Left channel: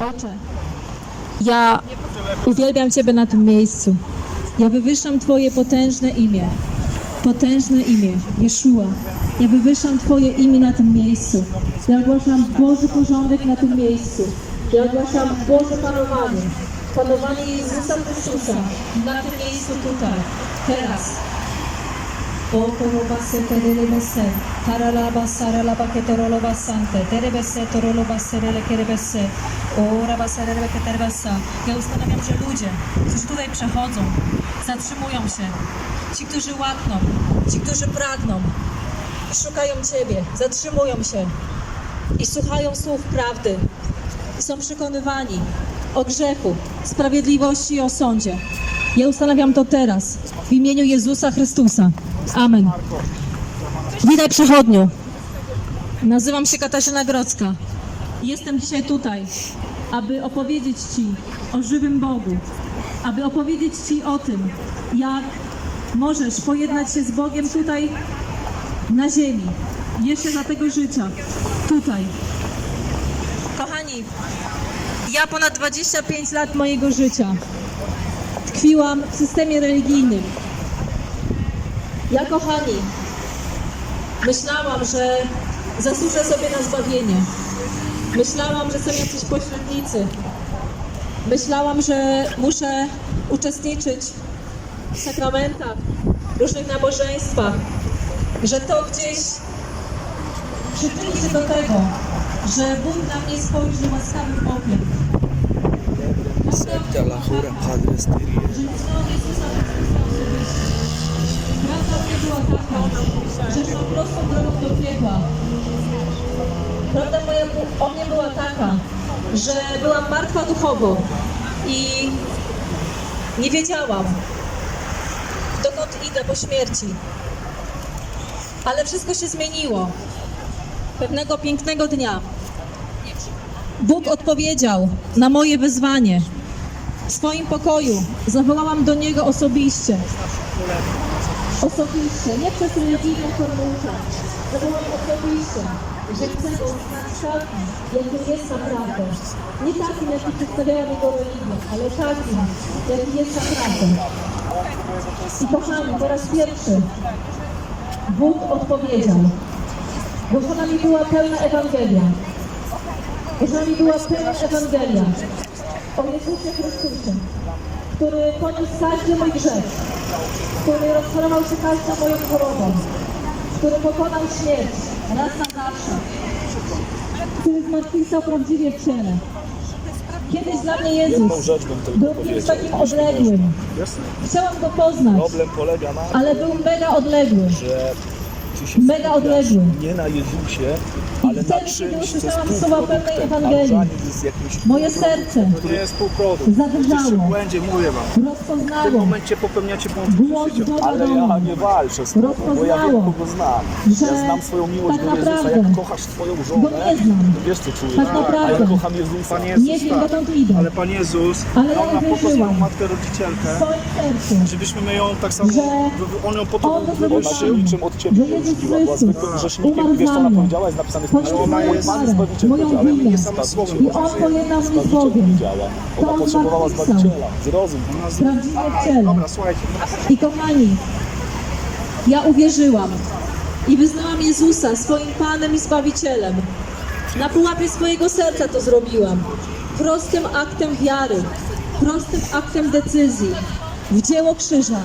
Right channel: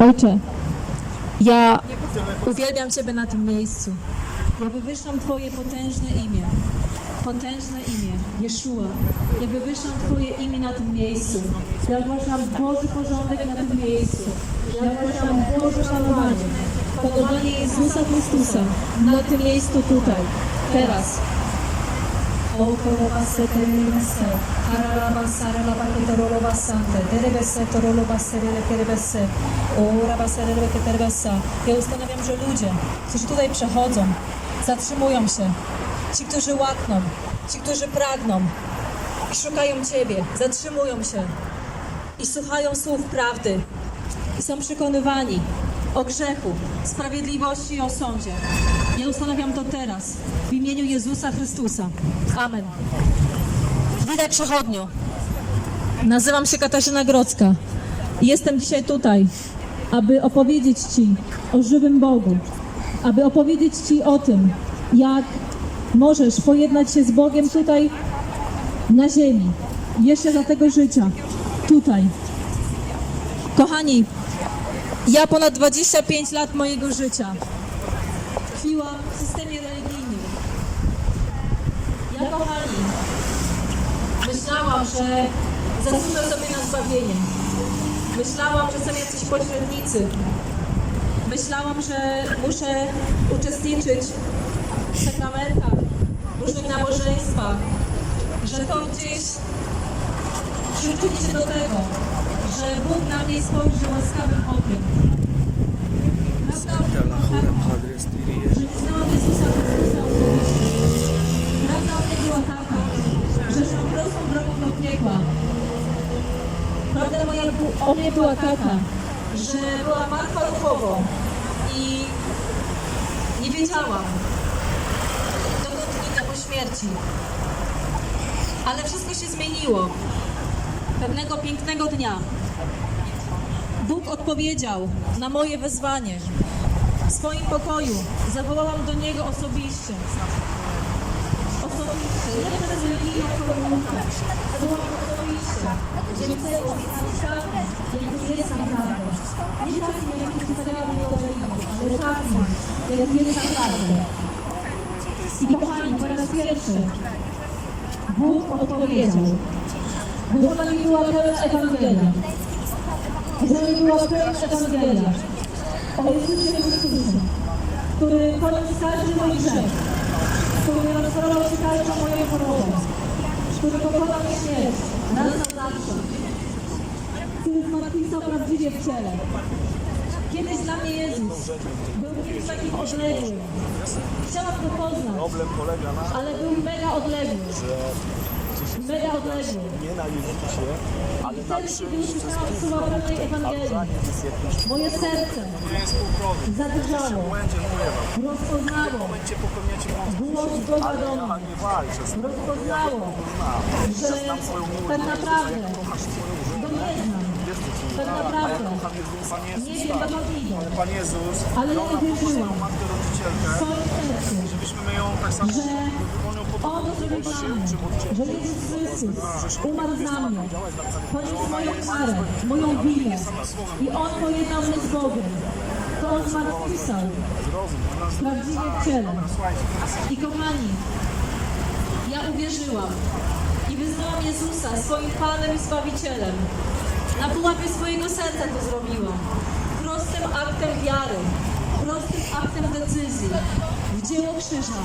Ojcze, ja uwielbiam Ciebie na tym miejscu. Ja wywyższam Twoje potężne imię. Potężne imię, Jeszua. Ja wywyższam Twoje imię na tym miejscu. Ja ogłaszam Boży porządek na tym miejscu. Ja ogłaszam Boże panowanie. Panowanie Jezusa Chrystusa na tym miejscu tutaj. Teraz. O korobase tererebese, tararaba saralaba ketoroloba sante, terebese toroloba serele kerebese, o rabaserele keterbesa. Ja ustanawiam, że ludzie, którzy tutaj przechodzą, zatrzymują się, ci, którzy łakną, ci, którzy pragną i szukają Ciebie, zatrzymują się i słuchają słów prawdy i są przekonywani o grzechu, sprawiedliwości i o sądzie. Ja ustanawiam to teraz w imieniu Jezusa Chrystusa. Amen. Witaj przechodniu. Nazywam się Katarzyna Grodzka. Jestem dzisiaj tutaj, aby opowiedzieć Ci o żywym Bogu, aby opowiedzieć Ci o tym, jak możesz pojednać się z Bogiem tutaj na ziemi, jeszcze za tego życia, tutaj. Kochani, ja ponad 25 lat mojego życia tkwiłam w systemie religijnym. Ja, kochani, myślałam, że zasłużę sobie na zbawienie. Myślałam, że są jacyś pośrednicy. Myślałam, że muszę uczestniczyć w sakramentach, różnych nabożeństwach, że to gdzieś przyczyni się do tego, że Bóg na mnie spojrzy łaskawym okiem. Prawda, la jura Padre Styrie. że myślałam Jezusa Chrystusa. Prawda nie była taka, że szłam prostą drogą do piekła. Prawda moja o nie była taka, że byłam martwa duchowo i nie wiedziałam, dokąd idę po śmierci. Ale wszystko się zmieniło. Pewnego pięknego dnia Bóg odpowiedział na moje wezwanie. W swoim pokoju zawołałam do Niego osobiście. Osobiście, nie przez religijną formułę. Zawołałam osobiście, że chcę oznać takim, jaki jest naprawdę. Nie takim, jaki przedstawiała Jego religię, ale takim, jaki jest naprawdę. I kochani, po raz pierwszy Bóg odpowiedział. Głoszona mi była pełna Ewangelia. Głoszona mi była pełna Ewangelia o Jezusie Chrystusie, który poniósł każdy mój grzech, który rozprawał się każdą moją chorobą, który pokonał śmierć raz na zawsze, który zmartwychwstał prawdziwie w ciele. Kiedyś dla mnie Jezus był kimś takim odległym. Chciałam go poznać, ale był mega odległy. Mega odległy. nie na Jezusie, ale na czymś, co jest półproduktem, a różaniec jest jakimś Moje serce który jest półprodukt. zadrżało, Będzie, mówię wam. W tym rozpoznało momencie popełniacie błąd głos Boga Ale do ja mnie. nie walczę z tobą, bo ja wiem, Rozpoznało, kogo znam. że Ja znam swoją miłość tak do Jezusa, naprawdę jak kochasz swoją Go żonę. nie znam. Wiesz co czuję? Tak naprawdę. A ja kocham Jezusa. Pan Jezus, Nie wiem, tak. dokąd idę. Ale Pan Jezus Ale ja nie nam po to swoją matkę rodzicielkę, w swoim sercu, żebyśmy my ją tak samo, Że on ją po to On wywyższył. wywyższył. Czym od ciebie że Jezus Chrystus umarł za mnie, napisane w Pismie, moją jest karę, moją winę i On pojednał mnie z Bogiem. To Ona On zmartwychwstał, w ciele. I kochani, ja uwierzyłam i wyznałam Jezusa swoim Panem i Zbawicielem. Na pułapie swojego serca to zrobiłam. Prostym aktem wiary, prostym aktem decyzji w dzieło krzyża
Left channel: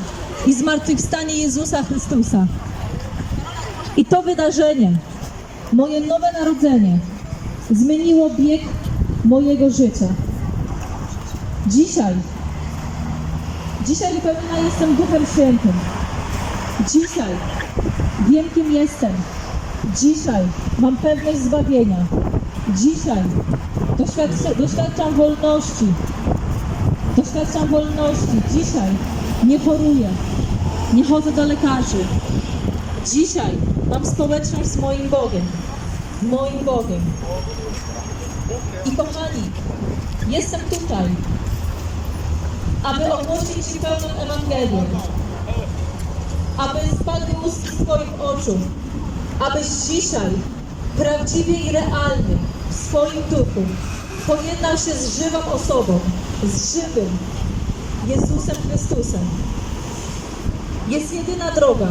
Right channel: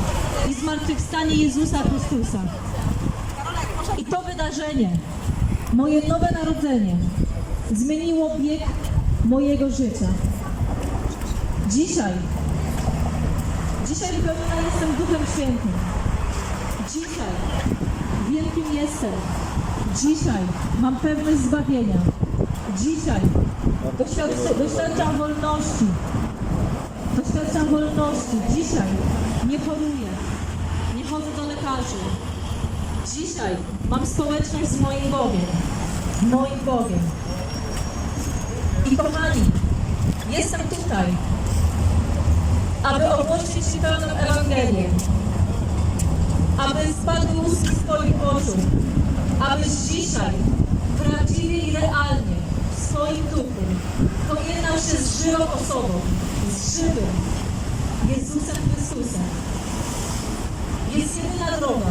i zmartwychwstanie Jezusa Chrystusa. I to wydarzenie, moje nowe narodzenie, zmieniło bieg mojego życia. Dzisiaj Dzisiaj wypełniona jestem Duchem Świętym. Dzisiaj wiem, kim jestem. Dzisiaj mam pewność zbawienia. Dzisiaj doświadczam, wolności. Doświadczam wolności. Dzisiaj nie choruję. Nie chodzę do lekarzy. Dzisiaj mam społeczność z moim Bogiem. Moim Bogiem. I kochani, jestem tutaj, aby ogłosić Ci pełną Ewangelię, aby spadły łuski z Twoich oczu, abyś dzisiaj prawdziwie i realnie w swoim duchu pojednał się z żywą osobą, z żywym Jezusem Chrystusem. Jest jedyna droga,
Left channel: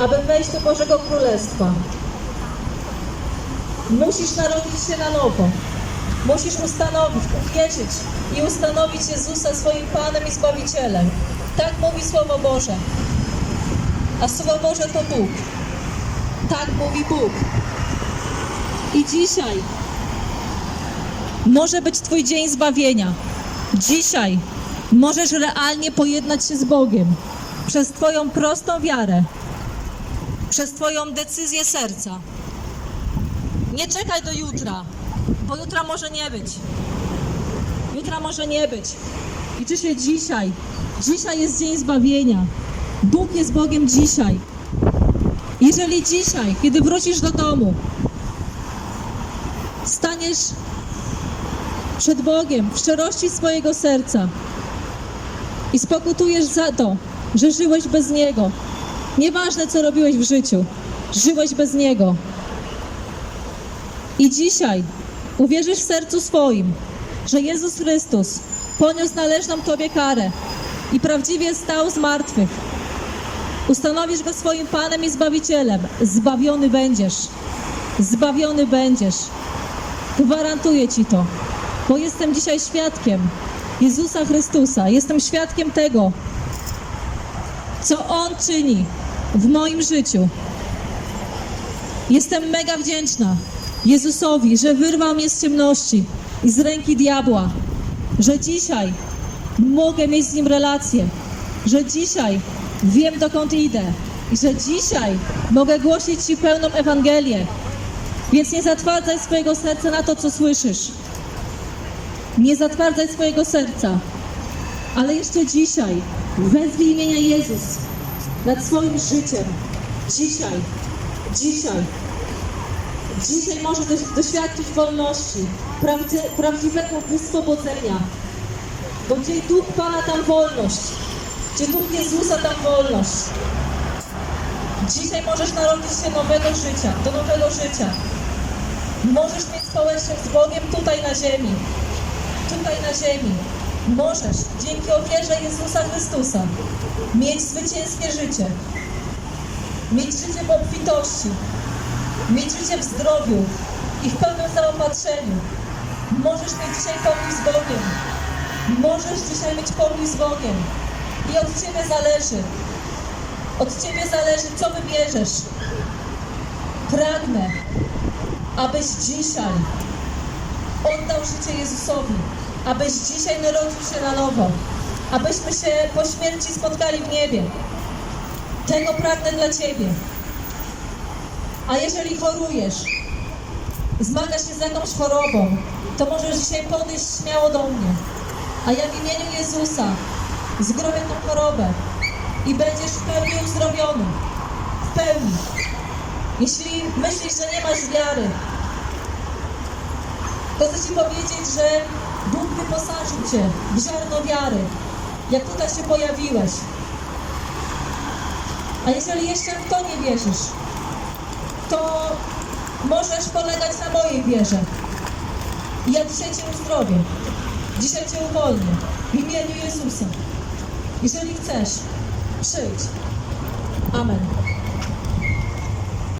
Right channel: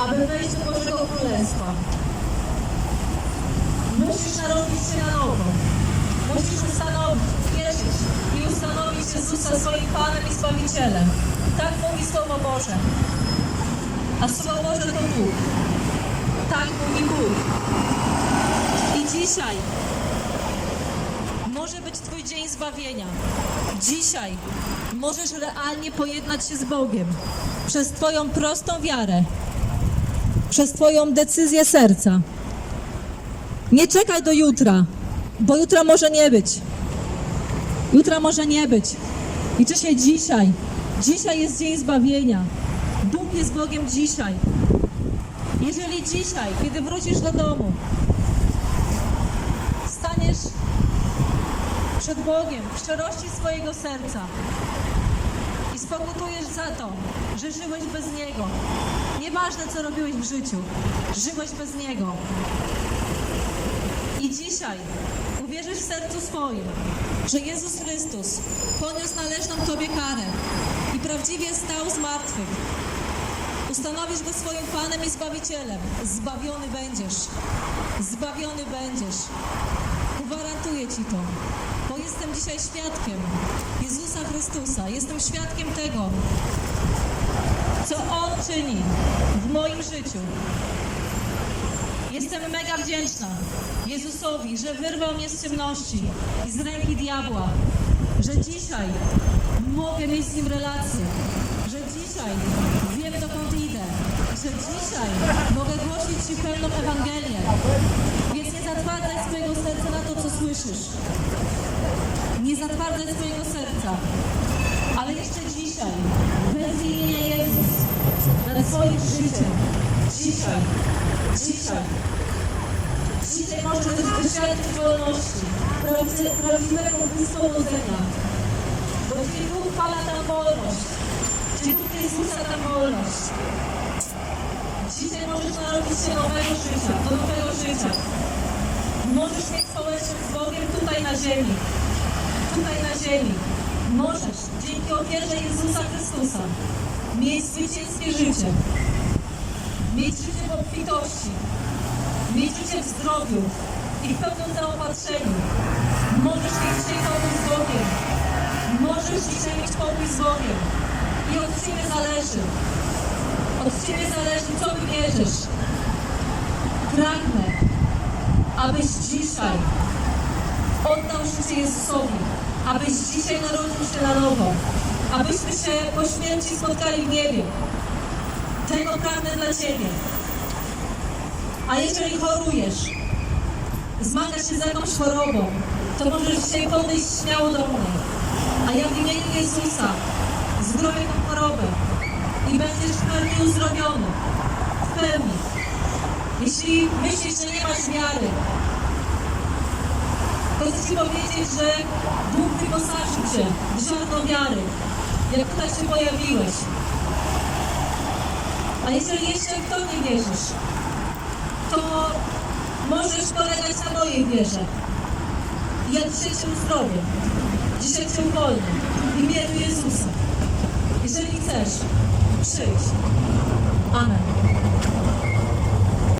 aby wejść do Bożego Królestwa. Musisz narodzić się na nowo. Musisz ustanowić, uwierzyć i ustanowić Jezusa swoim Panem i Zbawicielem. Tak mówi Słowo Boże. A Słowo Boże to Bóg. Tak mówi Bóg. I dzisiaj może być Twój dzień zbawienia. Dzisiaj możesz realnie pojednać się z Bogiem przez Twoją prostą wiarę, przez Twoją decyzję serca. Nie czekaj do jutra, bo jutra może nie być. Jutra może nie być. Liczy się dzisiaj. Dzisiaj jest dzień zbawienia. Bóg jest Bogiem dzisiaj. Jeżeli dzisiaj, kiedy wrócisz do domu, staniesz przed Bogiem w szczerości swojego serca i spokutujesz za to, że żyłeś bez Niego. Nieważne, co robiłeś w życiu, żyłeś bez Niego. I dzisiaj uwierzysz w sercu swoim, że Jezus Chrystus poniósł należną Tobie karę i prawdziwie stał z martwych. Ustanowisz Go swoim Panem i Zbawicielem. Zbawiony będziesz. Zbawiony będziesz. Gwarantuję Ci to, bo jestem dzisiaj świadkiem Jezusa Chrystusa. Jestem świadkiem tego, co On czyni w moim życiu. Jestem mega wdzięczna Jezusowi, że wyrwał mnie z ciemności i z ręki diabła, że dzisiaj mogę mieć z Nim relację, że dzisiaj wiem dokąd idę że dzisiaj mogę głosić Ci pełną Ewangelię. Więc nie zatwardzaj swojego serca na to, co słyszysz. Nie zatwardzaj swojego serca. Ale jeszcze dzisiaj wezwij imienia Jezus nad swoim życiem. Dzisiaj. Dzisiaj. Dzisiaj możesz doś- doświadczyć wolności, prawdziwego wyswobodzenia. Bo gdzie Duch Pana, tam wolność. Gdzie Duch Jezusa, tam wolność. Dzisiaj możesz narodzić się nowego życia, do nowego życia. Możesz mieć społeczność z Bogiem tutaj na ziemi. Tutaj na ziemi. Możesz dzięki ofierze Jezusa Chrystusa mieć zwycięskie życie. Mieć życie w obfitości. Mieć życie w zdrowiu i w pełnym zaopatrzeniu. Możesz mieć dzisiaj pokój z Bogiem. Możesz dzisiaj mieć pokój z Bogiem. I od Ciebie zależy. Od Ciebie zależy, co wybierzesz. Pragnę, abyś dzisiaj oddał życie Jezusowi. Abyś dzisiaj narodził się na nowo. Abyśmy się po śmierci spotkali w niebie. Tego pragnę dla Ciebie. A jeżeli chorujesz, zmagasz się z jakąś chorobą, to możesz dzisiaj podejść śmiało do mnie. A ja w imieniu Jezusa zdrowię tą chorobę i będziesz w pełni uzdrowiony. W pełni. Jeśli myślisz, że nie masz wiary, to chcę Ci powiedzieć, że Bóg wyposażył Cię w ziarno wiary, jak tutaj się pojawiłeś. A jeżeli jeszcze w to nie wierzysz, to możesz polegać na mojej wierze. Ja dzisiaj Cię uzdrowię. Dzisiaj Cię uwolnię. W imieniu Jezusa. Jeżeli chcesz, przyjdź. Amen.